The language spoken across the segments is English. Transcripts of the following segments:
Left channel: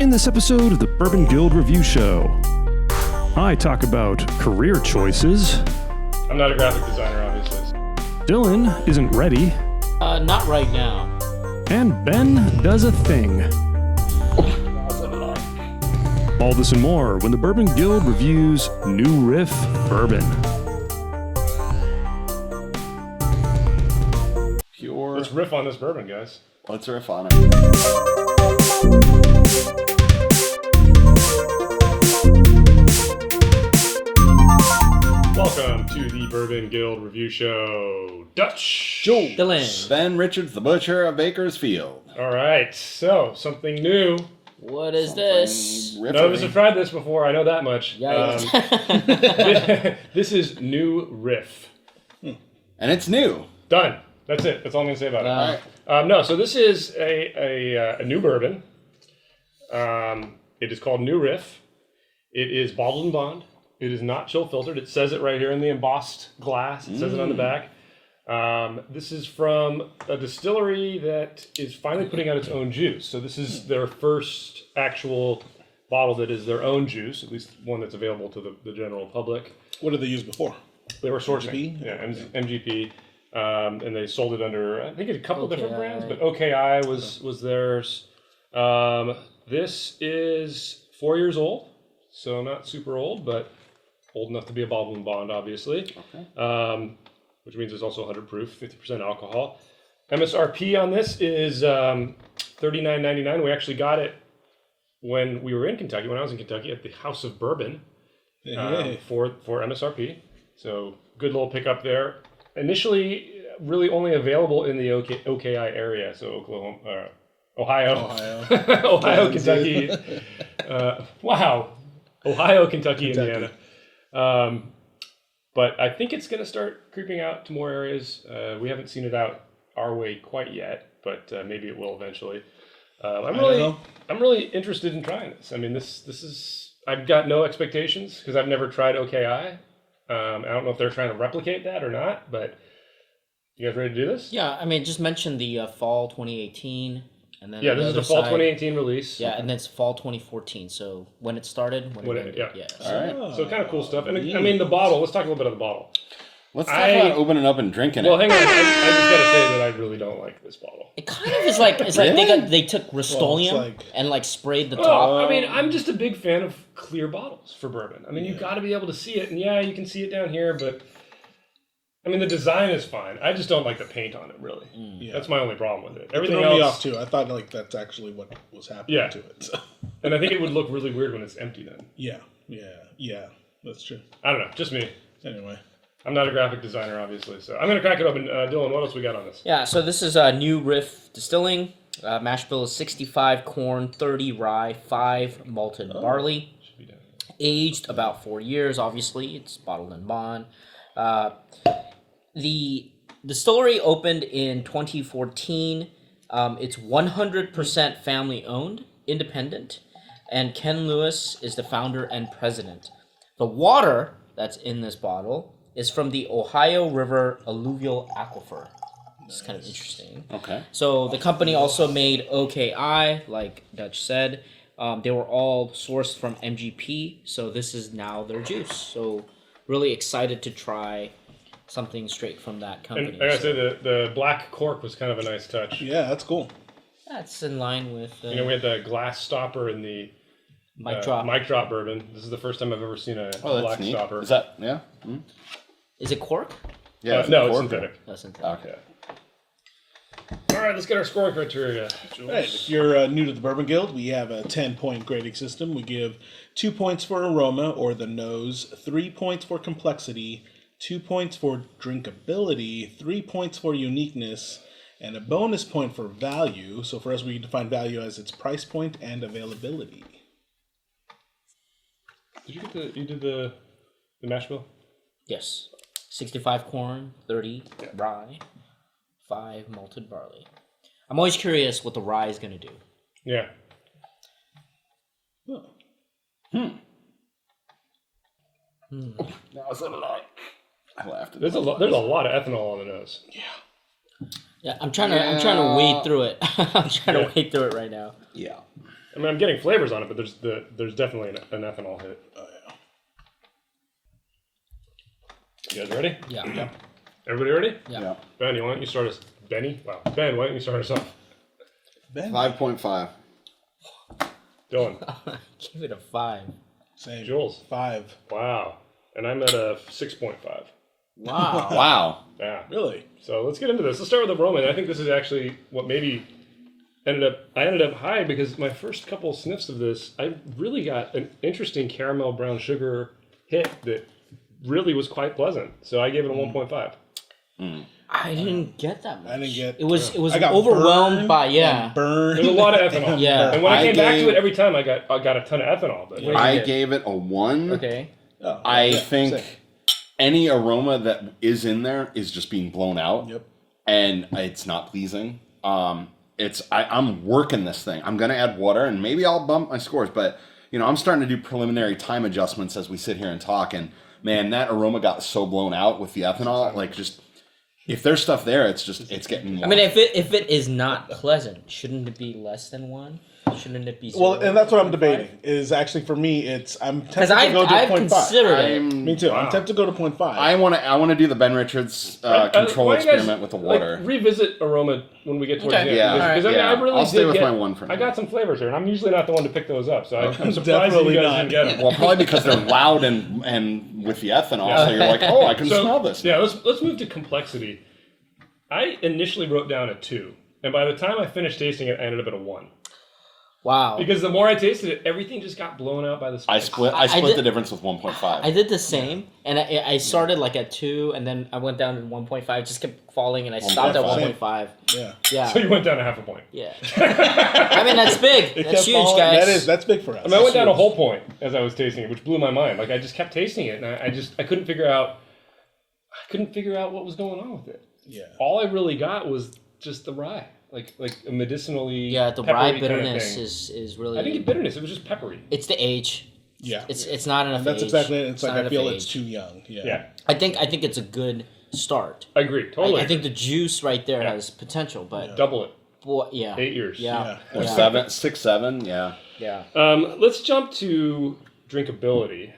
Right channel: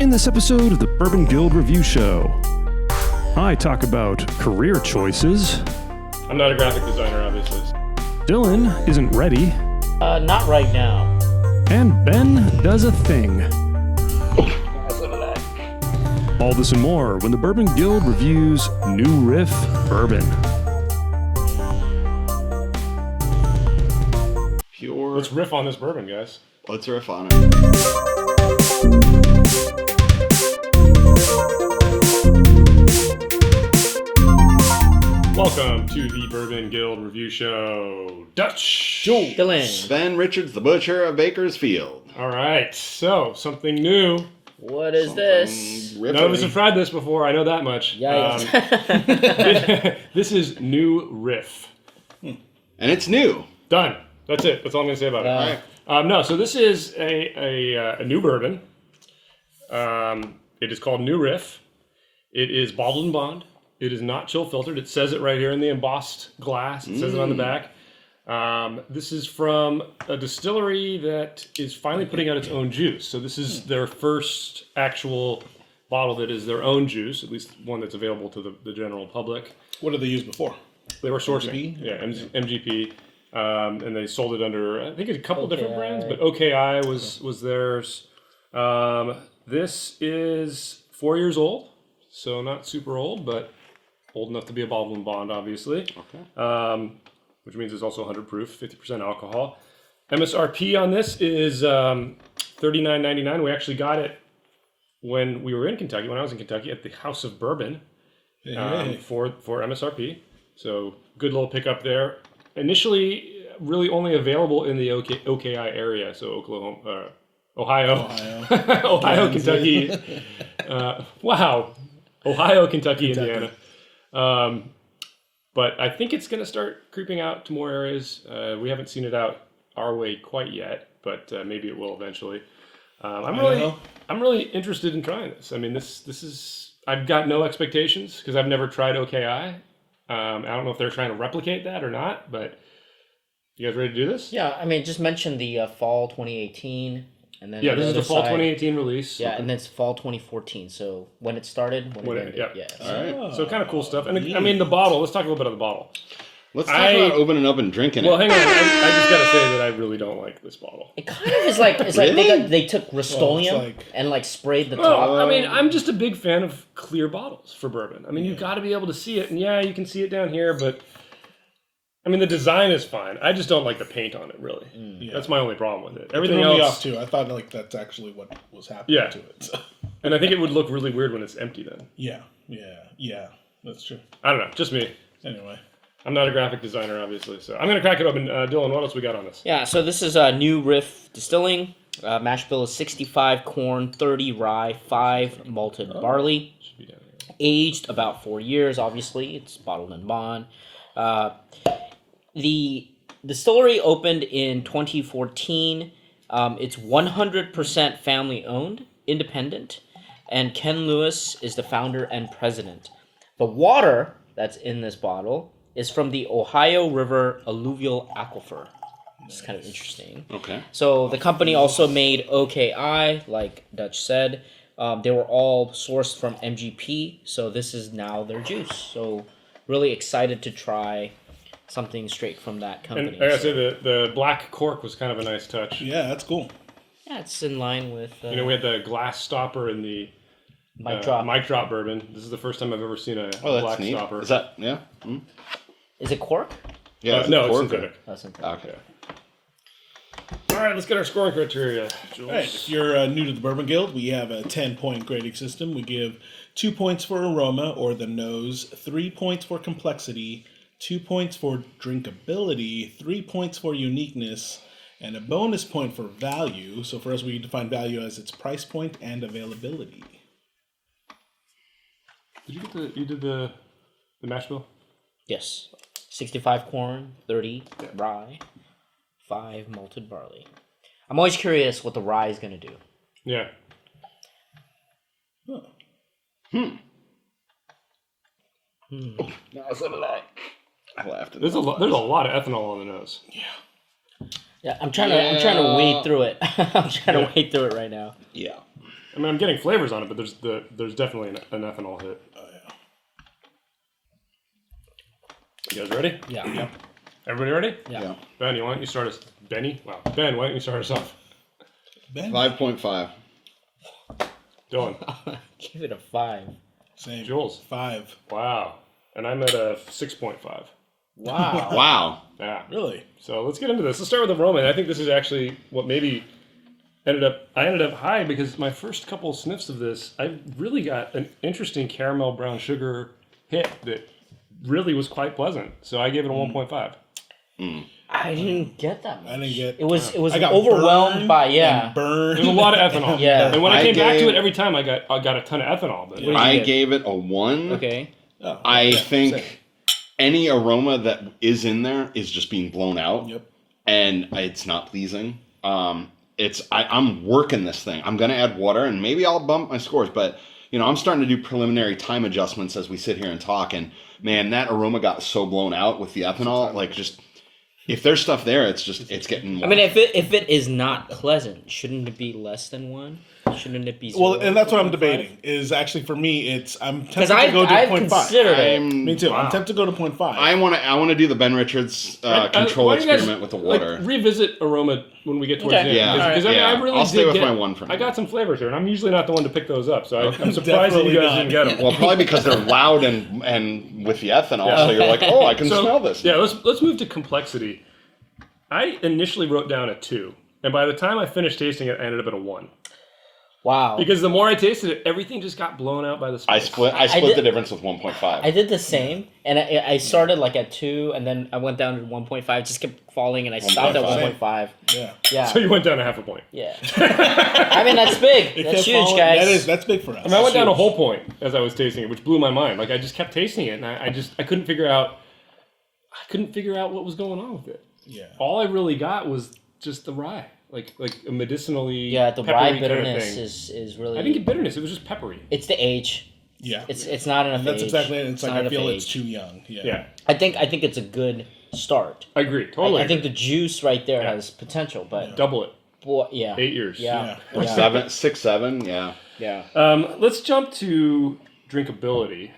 In this episode of the Bourbon Guild Review Show, I talk about career choices. I'm not a graphic designer, obviously. Dylan isn't ready. Not right now. And Ben does a thing. All this and more when the Bourbon Guild reviews New Riff Bourbon. Let's riff on this bourbon, guys. Let's riff on it. Welcome to the Bourbon Guild Review Show. Dutch. Joe. Dylan. Ben Richards, the butcher of Bakersfield. All right, so something new. What is this? None of us have tried this before, I know that much. Yeah. This is New Riff. And it's new. Done. That's it. That's all I'm going to say about it. All right. No, so this is a new bourbon. It is called New Riff. It is bottled and bond. It is not chill filtered. It says it right here in the embossed glass. It says it on the back. This is from a distillery that is finally putting out its own juice. So this is their first actual bottle that is their own juice, at least one that's available to the general public. What did they use before? They were sourcing. MGP? Yeah, MGP. And they sold it under, I think, a couple different brands, but OKI was theirs. This is 4 years old, so not super old, but old enough to be a bottled and bond, obviously. Okay. Which means it's also 100 proof, 50% alcohol. MSRP on this is $39.99. We actually got it when we were in Kentucky, when I was in Kentucky, at the House of Bourbon for MSRP. So good little pickup there. Initially, really only available in the OKI area, so Oklahoma, Ohio, Ohio, Kentucky. Ohio, Kentucky, Indiana. But I think it's going to start creeping out to more areas. We haven't seen it out our way quite yet, but maybe it will eventually. I'm really interested in trying this. I mean, this is, I've got no expectations because I've never tried OKI. I don't know if they're trying to replicate that or not, but you guys ready to do this? Yeah, I mean, just mention the fall 2018, and then this is the fall 2018 release. Yeah, and then it's fall 2014. So when it started, when it ended. Yeah. All right. So kind of cool stuff. And I mean, the bottle. Let's talk a little bit about the bottle. Let's talk about opening up and drinking it. Well, hang on. I just gotta say that I really don't like this bottle. It kind of is like they took Rust-Oleum and sprayed the top. I mean, I'm just a big fan of clear bottles for bourbon. I mean, you've got to be able to see it, and you can see it down here, but I mean, the design is fine. I just don't like the paint on it, really. Yeah. That's my only problem with it. Everything else, me off too. I thought that's actually what was happening to it. So. And I think it would look really weird when it's empty then. Yeah, that's true. I don't know, just me. Anyway. I'm not a graphic designer, obviously, so I'm going to crack it open. Dylan, what else we got on this? Yeah, so this is New Riff Distilling. Mash bill is 65 corn, 30 rye, 5 malted barley. Should be down here. Aged about 4 years, obviously. It's bottled and bond. The distillery opened in 2014. It's 100% family-owned, independent, and Ken Lewis is the founder and president. The water that's in this bottle is from the Ohio River alluvial aquifer. It's kind of interesting. Okay. So the company also made OKI, like Dutch said. They were all sourced from MGP, so this is now their juice. So really excited to try something straight from that company. And I gotta say, the black cork was kind of a nice touch. Yeah, that's cool. Yeah, it's in line with... we had the glass stopper in the Mic drop bourbon. This is the first time I've ever seen a black neat. stopper. Is that, yeah? Mm. Is it cork? Yeah, no, it's synthetic. Oh, synthetic. Okay. All right, let's get our scoring criteria, Jules. All right, if you're new to the Bourbon Guild, we have a 10-point grading system. We give 2 points for aroma, or the nose, 3 points for complexity, 2 points for drinkability, 3 points for uniqueness, and a bonus point for value. So for us, we define value as its price point and availability. You did the mash bill? Yes. 65 corn, 30 rye, 5 malted barley. I'm always curious what the rye is going to do. Yeah. That was a lot. I laughed at There's a lot of ethanol on the nose. Yeah, I'm trying to wade through it. I'm trying to wade through it right now. Yeah. I mean, I'm getting flavors on it, but there's definitely an ethanol hit. You guys ready? Yeah. Yep. Everybody ready? Yeah. Ben, why don't you start us? Benny? Wow. Ben, why don't you start us off? Ben? 5.5. Dylan. Give it a 5. Same. Jules. 5. Wow. And I'm at a 6.5. Wow. Wow. Yeah. Really? So let's get into this. Let's start with the aroma. And I think this is actually what maybe I ended up high because my first couple sniffs of this, I really got an interesting caramel brown sugar hit that really was quite pleasant. So I gave it a 1.5. I didn't get that much. I didn't get. It was I got overwhelmed burned by and burned. There's a lot of ethanol. Yeah. And when I I came back to gave- it every time, I got a ton of ethanol. But What did you I get? gave it a 1. Okay. Oh, I yeah, think same. any aroma that is in there is just being blown out. Yep. And it's not pleasing. I'm working this thing. I'm gonna add water, and maybe I'll bump my scores. But I'm starting to do preliminary time adjustments as we sit here and talk. And man, that aroma got so blown out with the ethanol. Like, just if there's stuff there, it's getting more. I mean, if it is not pleasant, shouldn't it be less than 1? Shouldn't it be 0? Well, and that's what I'm debating. Is actually for me, I'm tempted to go to I've 0.5. considered it. Me too. I'm tempted to go to 0.5. I want to do the Ben Richards why control don't you guys, experiment with the water. revisit aroma when we get towards Okay. the end. Yeah. Because Yeah. I really I'll stay did with get, my 1 for now. I got some flavors here, and I'm usually not the one to pick those up, so I'm surprised that Definitely you guys not. didn't get them. Well, probably because they're loud and with the ethanol, so you're like, oh, I can smell this. Yeah, let's move to complexity. I initially wrote down a 2, and by the time I finished tasting it, I ended up at a 1. Wow. Because the more I tasted it, everything just got blown out by the I spice. split did- the difference with 1.5. I did the same, and I started like at 2, and then I went down to 1.5. Just kept falling, and I stopped at 1.5. 1.5. yeah. Yeah. So you went down a half a point. Yeah. I mean, that's big. It That's kept huge, falling- guys. That's big for us. I mean, I went That's down a huge. whole point as I was tasting it, which blew my mind. Like, I just kept tasting it, and I couldn't figure out what was going on with it. Yeah. All I really got was just the rye, like a medicinally. Yeah, the peppery rye kind of bitterness thing. is really. I didn't get bitterness. It was just peppery. It's the age. Yeah. It's not enough. That's age. exactly it. It's like not I enough feel age. it's too young. Yeah. Yeah, I think it's a good start. I agree. Totally. I think the juice right there Yeah. has potential, but double it. boy, yeah. 8 years. Yeah. Or Yeah. 7, 6, 7, yeah. Yeah. Let's jump to drinkability,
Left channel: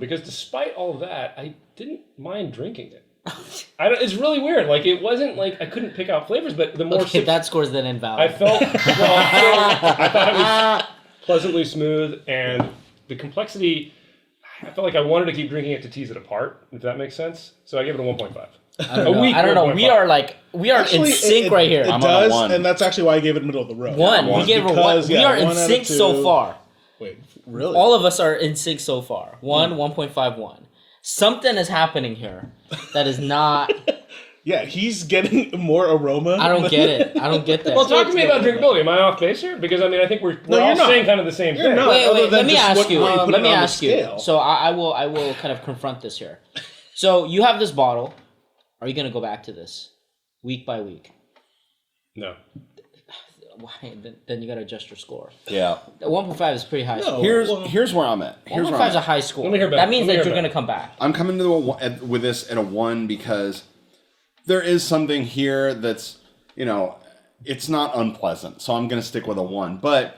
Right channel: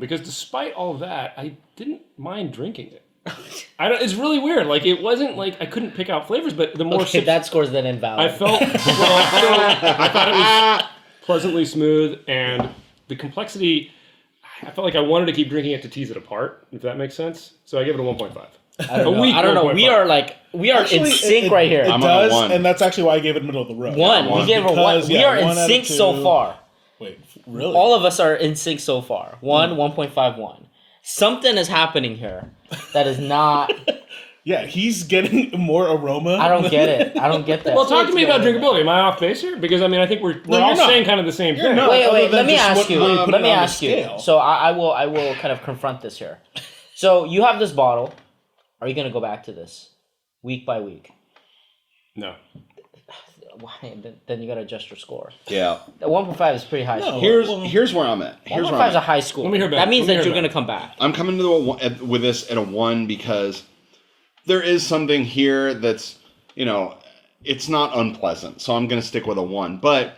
because despite all of that, I didn't mind drinking it. It's really weird. Like, it wasn't like I couldn't pick out flavors, but the more Okay, sips that score's then invalid. I thought it was pleasantly smooth, and the complexity, I felt like I wanted to keep drinking it to tease it apart, if that makes sense. So I give it a 1.5. I don't know. weak I don't know. 1.5. We are Actually, in sync right here. It I'm on a does, 1. and that's actually why I gave it middle of the road. One. We gave a Because, 1. We yeah, are in 1 out of sync so 2. far. Wait, really? All of us are in sync so far. 1.51. Something is happening here that is not. Yeah, he's getting more aroma. I don't get it. I don't get that. Well, talk to me about drinkability. Am I off base here? Because, I mean, I think we're you're all not. saying kind of the same thing. not. Wait. other Let than me just ask what- you. where you put Let it me on the ask you. scale. So I will kind of confront this here. So you have this bottle. Are you going to go back to this week by week? No. Why? Then you got to adjust your score. Yeah. 1.5 is pretty high. score. Here's where I'm at. Here's where 1.5 I'm is a at. high score. Let me hear back. That means Let me that hear you're going back. to come back. I'm coming to with this at a 1 because there is something here that's, it's not unpleasant. So I'm going to stick with a 1. But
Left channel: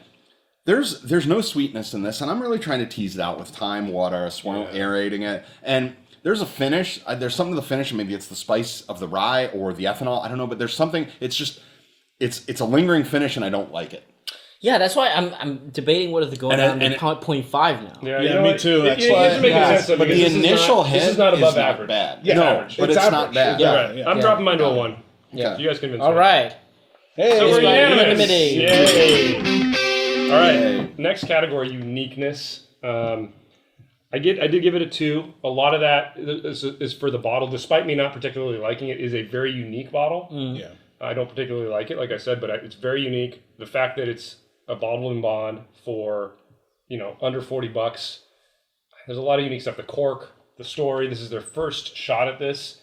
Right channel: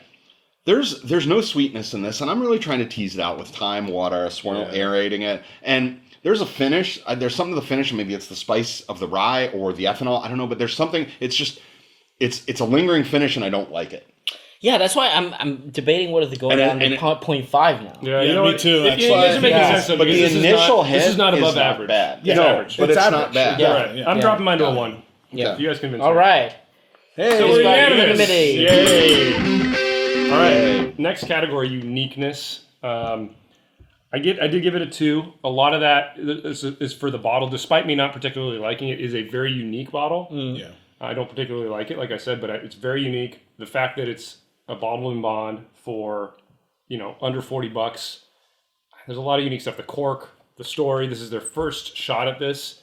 there's no sweetness in this, and I'm really trying to tease it out with time, water, a swirl, aerating it. And there's a finish. There's something to the finish, and maybe it's the spice of the rye or the ethanol. I don't know, but there's something. It's just it's a lingering finish, and I don't like it. Yeah, that's why I'm debating whether to go And down it- to 0.5 now. Yeah, Yeah, you know me what? too, It- actually. Yours are making Yeah. sense to me. But the This is initial not- hit This is not above not average. bad. Yeah, It's average. but it's it's not average. bad. Yeah. All right. I'm dropping mine to a 1. Okay. You guys convince me. All right. Hey, So we're got unanimous. unanimity. Yay. All right. Next category, uniqueness. I did give it a 2. A lot of that is for the bottle. Despite me not particularly liking it, is a very unique bottle. yeah. I don't particularly like it, like I said, but it's very unique. The fact that it's a bottle and bond for, under $40. There's a lot of unique stuff. The cork, the story. This is their first shot at this.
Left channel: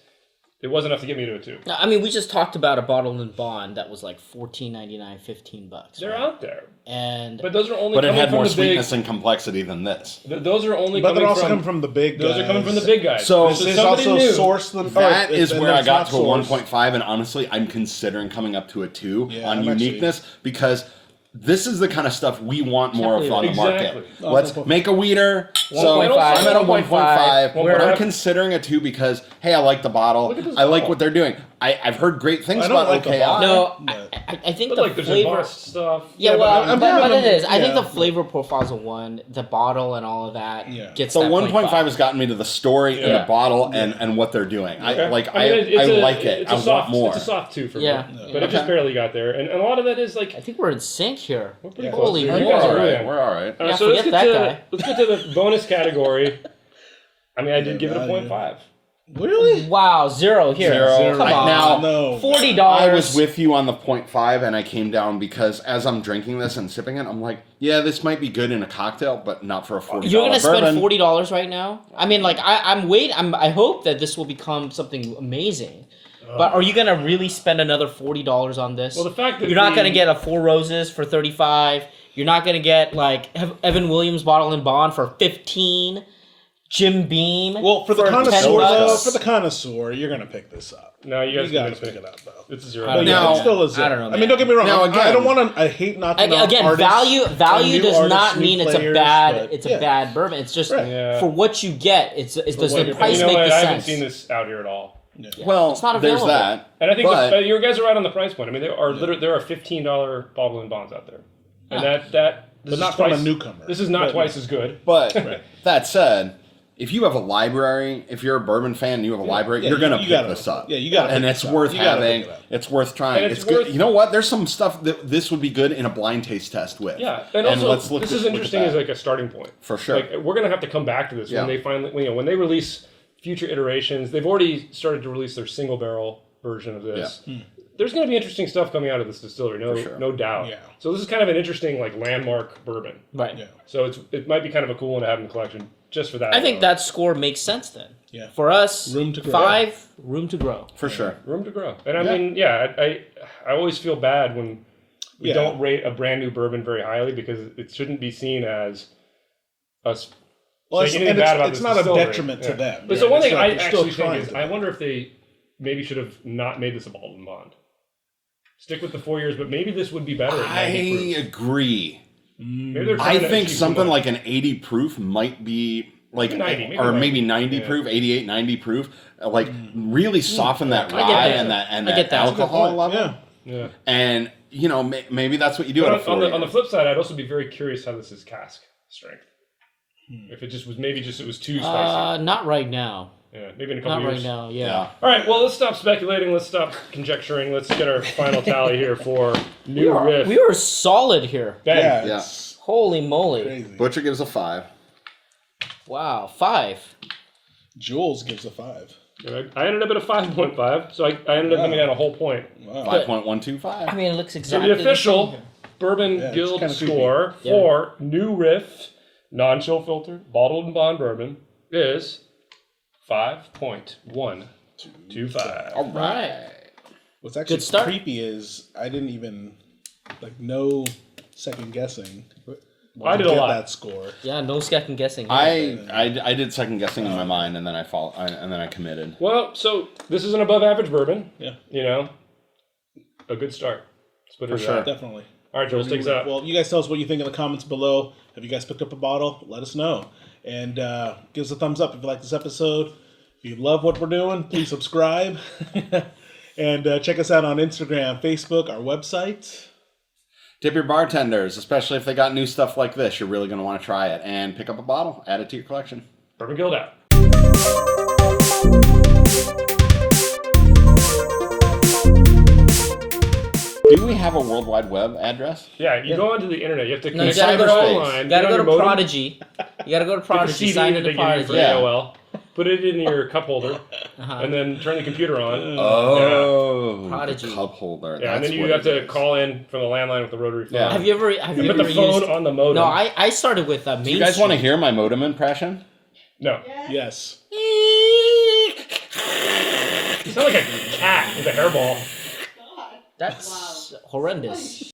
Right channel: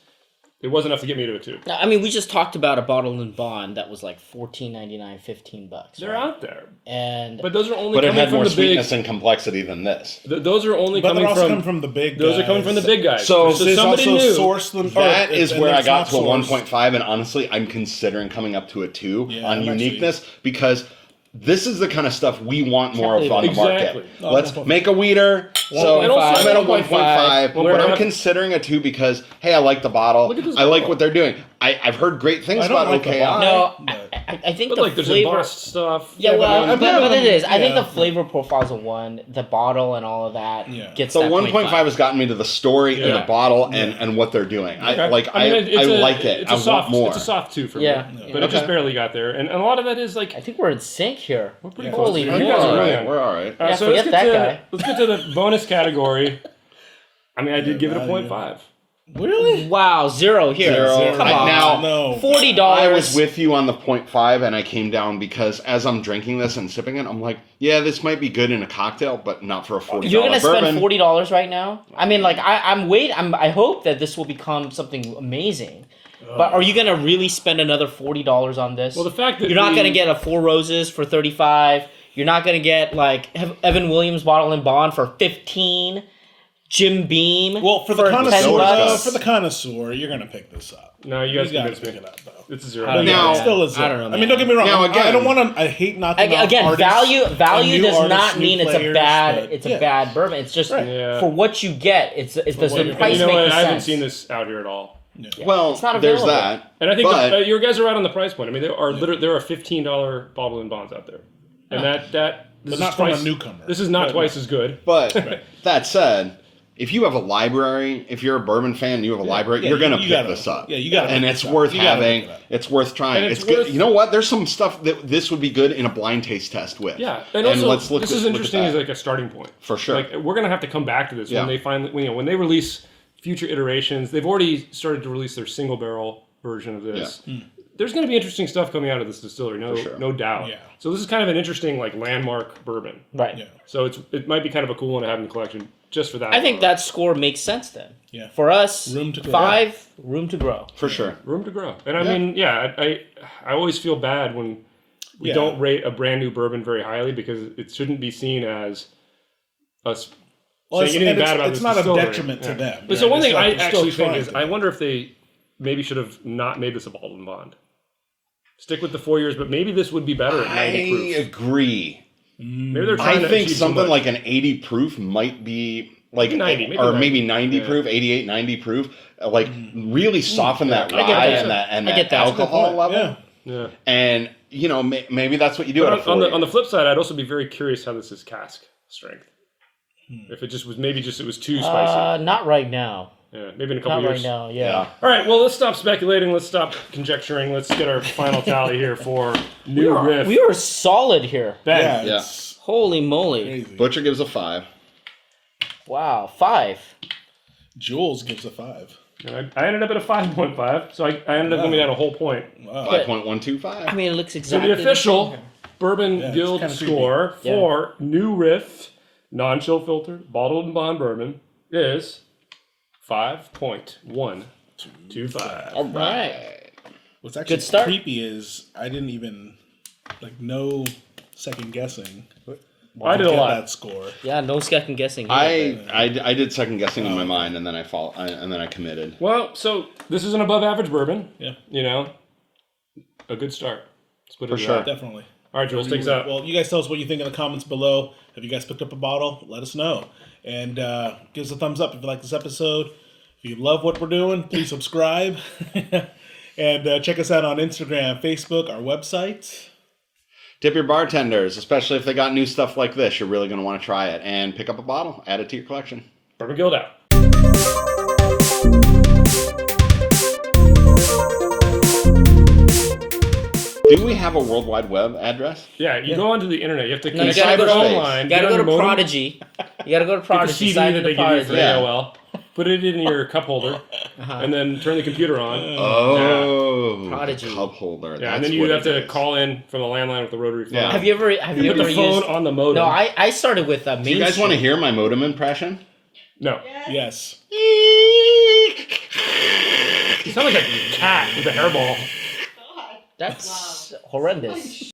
It was enough to get me to a 2. I mean, we just talked about a bottle and bond that was like $14.99, $15. They're right? out there, And but those are only. But it coming had from more the big. sweetness and complexity than this. Those are only But coming they're also from. coming from the big guys. Those are coming from the big guys. So This is also sourced. That is where I got to a 1.5, and honestly, I'm considering coming up to a 2 Yeah, on I'm uniqueness because this is the kind of stuff we want more of believe on it. the market. Exactly. No, Let's 1.5. make a weeder. So 1.5. I'm at a 1.5, but 1.5. I'm considering a 2 because, hey, I like the bottle. Look at this I like bottle. what they're doing. I've heard great things I don't about like the OKI. bottle. No, But- I think But the like there's flavor. embossed stuff. Yeah, Yeah, well, but I'm but giving it them- is. I think yeah. the flavor profile's a 1. The bottle and all of that Yeah. gets The that 1.5 has gotten me to the story and Yeah. the bottle Yeah. and what they're doing. Okay. I like it. It's I a soft, want more. It's a soft 2 for Yeah. me. Yeah. But it just Okay. barely got there. And a lot of that is like I think we're in sync here. we're pretty Yeah. close. Holy You moly. guys We're are all right. there. We're all right. Yeah, So forget that guy. let's get to the bonus category. I mean, I did give it a value. 0.5. Really? Wow, 0 here. Zero. Come I- on. now- No. $40. I was with you on the 0.5 and I came down because as I'm drinking this and sipping it, I'm like, yeah, this might be good in a cocktail, but not for a $40 You're gonna spend bourbon. $40 right now? I mean, like I hope that this will become something amazing. But are you gonna really spend another $40 on this? Well, the fact that you're not we- gonna get a Four Roses for 35. You're not gonna get like Evan Williams Bottle and Bond for 15. Jim Beam. Well, for the connoisseur, $10. though, for the connoisseur, you're gonna pick this up. No, you guys You gotta convinced pick me. it up, though. It's a 0. But yeah, Now- it's still a I zero. don't know, I man. mean, don't get me wrong. Now, I again- don't want to. I hate knocking off Again, artists, value new does artists, not new mean it's a players, bad but it's yeah. a bad bourbon. It's just Right. Yeah. for what you get. It's does what the you're price You know make what? the I haven't sense? seen this out here at all. Yeah. Well, It's not there's available. that. And I think But- you guys are right on the price point. I mean, there are there are $15 bottle and bonds out there, and that this But is not from a twice- newcomer. This is not But- twice as good. But Right. that said, if you have a library, if you're a bourbon fan, and you have a library, Yeah, you're gonna you pick gotta- this up. yeah, you gotta and pick it's this up. worth You gotta pick having. it up. It's worth trying. And It's it's good. worth- You know what? There's some stuff that this would be good in a blind taste test with. Yeah, and also let's look this at- is look at interesting that. as like a starting point. For sure. Like we're gonna have to come back to this Yeah. when they finally, when they release future iterations. They've already started to release their single barrel version of this. Yeah. There's gonna be interesting stuff coming out of this distillery, sure. no doubt. Yeah. So this is kind of an interesting like landmark bourbon. Right. Yeah. So it might be kind of a cool one to have in the collection just for that. I think alone. that score makes sense then. Yeah. For us, Room to grow. 5, room to grow. For sure. room to grow. And I Yeah. mean, yeah, I always feel bad when we Yeah. don't rate a brand new bourbon very highly because it shouldn't be seen as us. Well, saying it's, anything and bad about it's this not a distillery. detriment to Yeah. them. But right? so one It's thing like I they're still actually think trying is to. I wonder if they maybe should have not made this a bottled and bond. Stick with the 4 years, but maybe this would be better at 90 I proof. agree. Maybe they're I trying to think achieve something too like an 80 proof might be like Maybe 90, maybe or 90. maybe 90 Yeah. proof, 88, 90 proof, like really soften that I get rye that. and I that get that. That's a good alcohol Point. level. Yeah. Yeah. And you know, maybe that's what you do But at a 4 on the flip side, I'd also be very curious how this is cask strength. If it just was it was too spicy. Not right now. Yeah, maybe in a couple Not right years. now. Yeah. Yeah. All right, well, let's stop speculating. Let's stop conjecturing. Let's get our final tally here for new riff. We were solid here. Bang. Yeah. Yeah. It's Holy moly. crazy. Butcher gives a 5. Wow. 5. Jules gives a 5. All right, I ended up at a 5.5, so I ended up Wow. moving down a whole point. Wow. 5.125. I mean, it looks So exactly the official same. Bourbon Yeah, it's Guild kinda creepy. score Yeah. for new riff, non-chill filtered, bottled and bond bourbon is 5.125. All Right. right. What's actually Good start. creepy is I didn't even no second guessing. I did a get lot. that score. Yeah, no second guessing. Here. I did second guessing in my mind, and then I committed. Well, so this is an above average bourbon. Yeah. You know, a good start. Let's put it For in sure. that. Definitely. All right, Jules, takes out. Well, you guys tell us what you think in the comments below. Have you guys picked up a bottle? Let us know. And give us a thumbs up if you like this episode. If you love what we're doing, please subscribe. And check us out on Instagram, Facebook, our website. Tip your bartenders, especially if they got new stuff like this. You're really going to want to try it and pick up a bottle, add it to your collection. Bourbon Guild out. Do we have a World Wide Web address? Yeah, you go onto the internet. You have to No, you connect gotta go online. You gotta get go on to your modem, Prodigy. You gotta go to get the Prodigy. CD Sign that into they give you Prodigy. for Yeah. AOL. Put it in your cup holder, and then turn the computer on. Oh, Prodigy. cup holder. Yeah, and That's then you what have it to is. call in from the landline with the rotary phone. Yeah. Have you ever And put the used? phone on the modem. No, I started with Main Do you guys Street. want to hear my modem impression? No. Yes. You sound like a cat with a hairball. That's horrendous.